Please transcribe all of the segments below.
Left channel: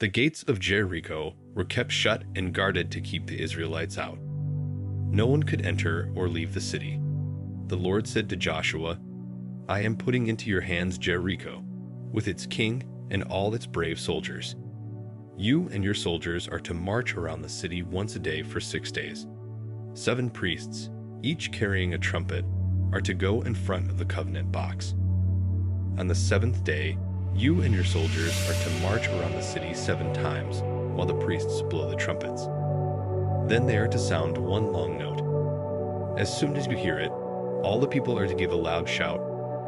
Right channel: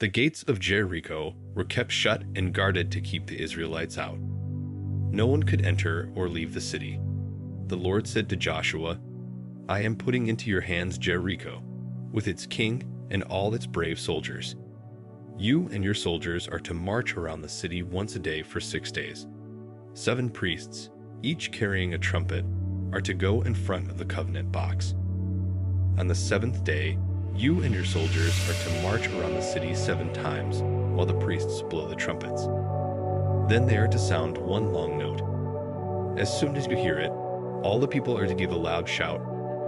The gates of Jericho were kept shut and guarded to keep the Israelites out. No one could enter or leave the city. The Lord said to Joshua, "I am putting into your hands Jericho, with its king and all its brave soldiers. You and your soldiers are to march around the city once a day for 6 days. 7 priests, each carrying a trumpet, are to go in front of the covenant box. On the 7th day, you and your soldiers are to march around the city 7 times while the priests blow the trumpets. Then they are to sound one long note. As soon as you hear it, all the people are to give a loud shout,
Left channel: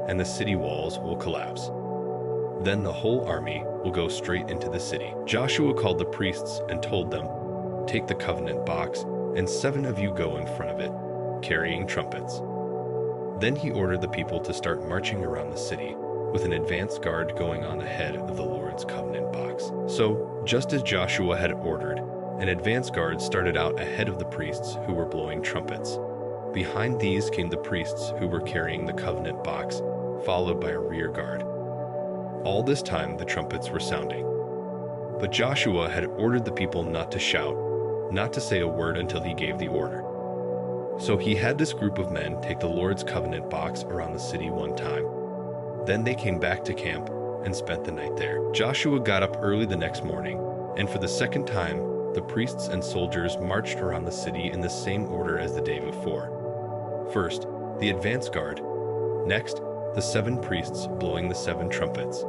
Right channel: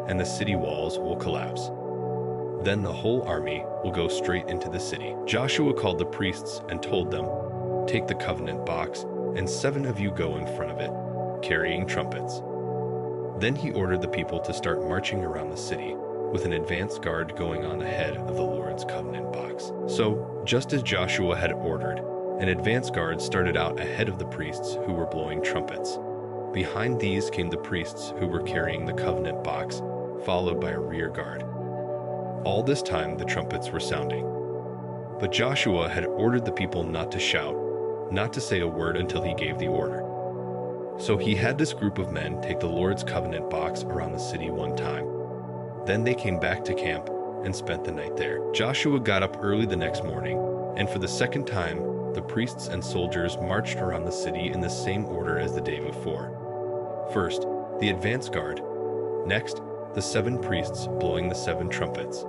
and the city walls will collapse. Then the whole army will go straight into the city." Joshua called the priests and told them, "Take the covenant box, and 7 of you go in front of it, carrying trumpets." Then he ordered the people to start marching around the city, with an advance guard going on ahead of the Lord's covenant box. So, just as Joshua had ordered, an advance guard started out ahead of the priests who were blowing trumpets. Behind these came the priests who were carrying the covenant box, followed by a rear guard. All this time the trumpets were sounding. But Joshua had ordered the people not to shout, not to say a word until he gave the order. So he had this group of men take the Lord's covenant box around the city one time. Then they came back to camp and spent the night there. Joshua got up early the next morning, and for the second time, the priests and soldiers marched around the city in the same order as the day before. First, the advance guard. Next, the 7 priests blowing the 7 trumpets.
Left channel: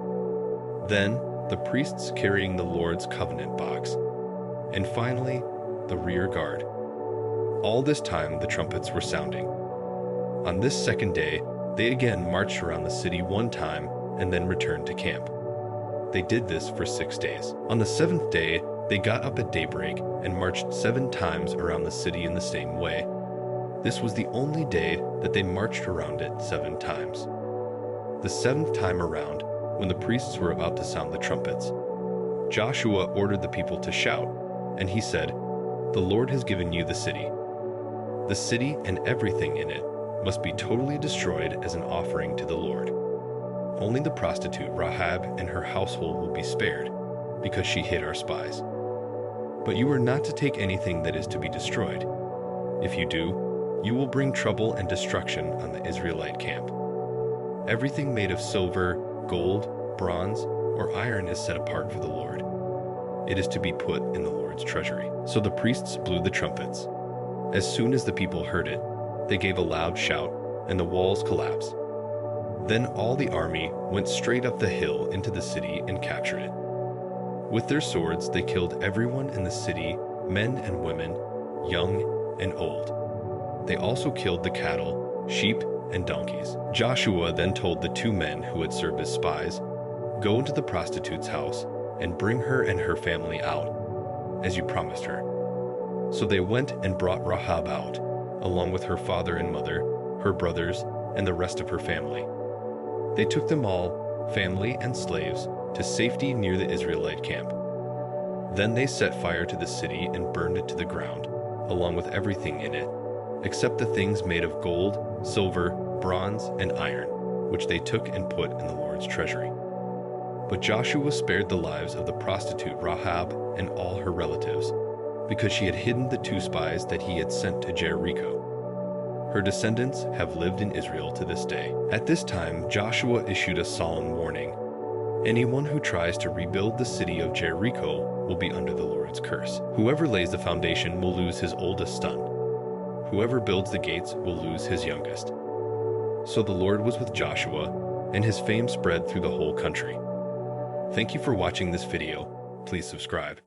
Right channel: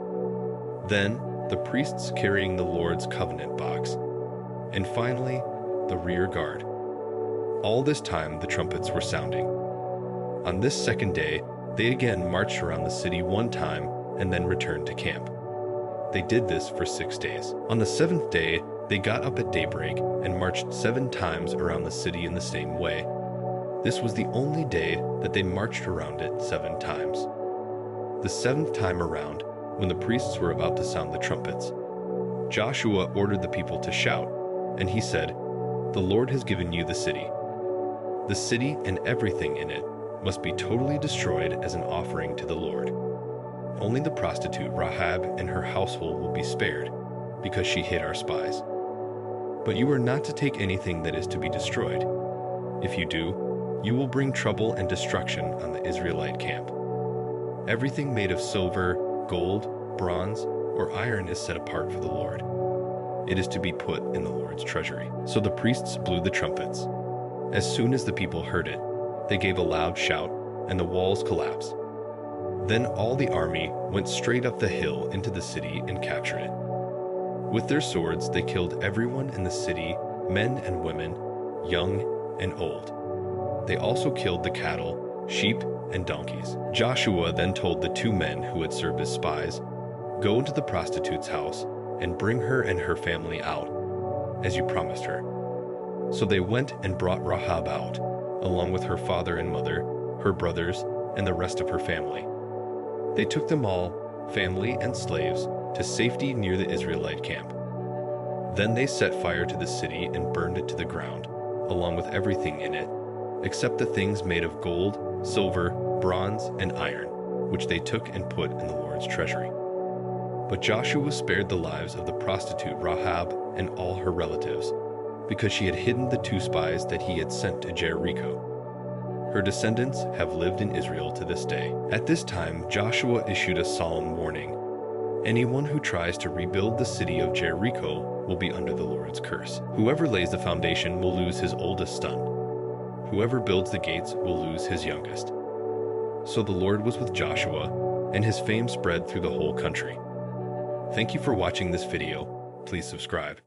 Then, the priests carrying the Lord's covenant box. And finally, the rear guard. All this time, the trumpets were sounding. On this second day, they again marched around the city one time and then returned to camp. They did this for 6 days. On the 7th day, they got up at daybreak and marched 7 times around the city in the same way. This was the only day that they marched around it 7 times. The 7th time around, when the priests were about to sound the trumpets, Joshua ordered the people to shout, and he said, "The Lord has given you the city. The city and everything in it must be totally destroyed as an offering to the Lord. Only the prostitute Rahab and her household will be spared, because she hid our spies. But you are not to take anything that is to be destroyed. If you do, you will bring trouble and destruction on the Israelite camp. Everything made of silver, gold, bronze, or iron is set apart for the Lord. It is to be put in the Lord's treasury." So the priests blew the trumpets. As soon as the people heard it, they gave a loud shout, and the walls collapsed. Then all the army went straight up the hill into the city and captured it. With their swords, they killed everyone in the city, men and women, young and old. They also killed the cattle, sheep, and donkeys. Joshua then told the 2 men who had served as spies, "Go into the prostitute's house and bring her and her family out, as you promised her." So they went and brought Rahab out, along with her father and mother, her brothers, and the rest of her family. They took them all, family and slaves, to safety near the Israelite camp. Then they set fire to the city and burned it to the ground, along with everything in it, except the things made of gold, silver, bronze, and iron, which they took and put in the Lord's treasury. But Joshua spared the lives of the prostitute Rahab and all her relatives, because she had hidden the 2 spies that he had sent to Jericho. Her descendants have lived in Israel to this day. At this time, Joshua issued a solemn warning. Anyone who tries to rebuild the city of Jericho will be under the Lord's curse. Whoever lays the foundation will lose his oldest son. Whoever builds the gates will lose his youngest. So the Lord was with Joshua, and his fame spread through the whole country. Thank you for watching this video. Please subscribe.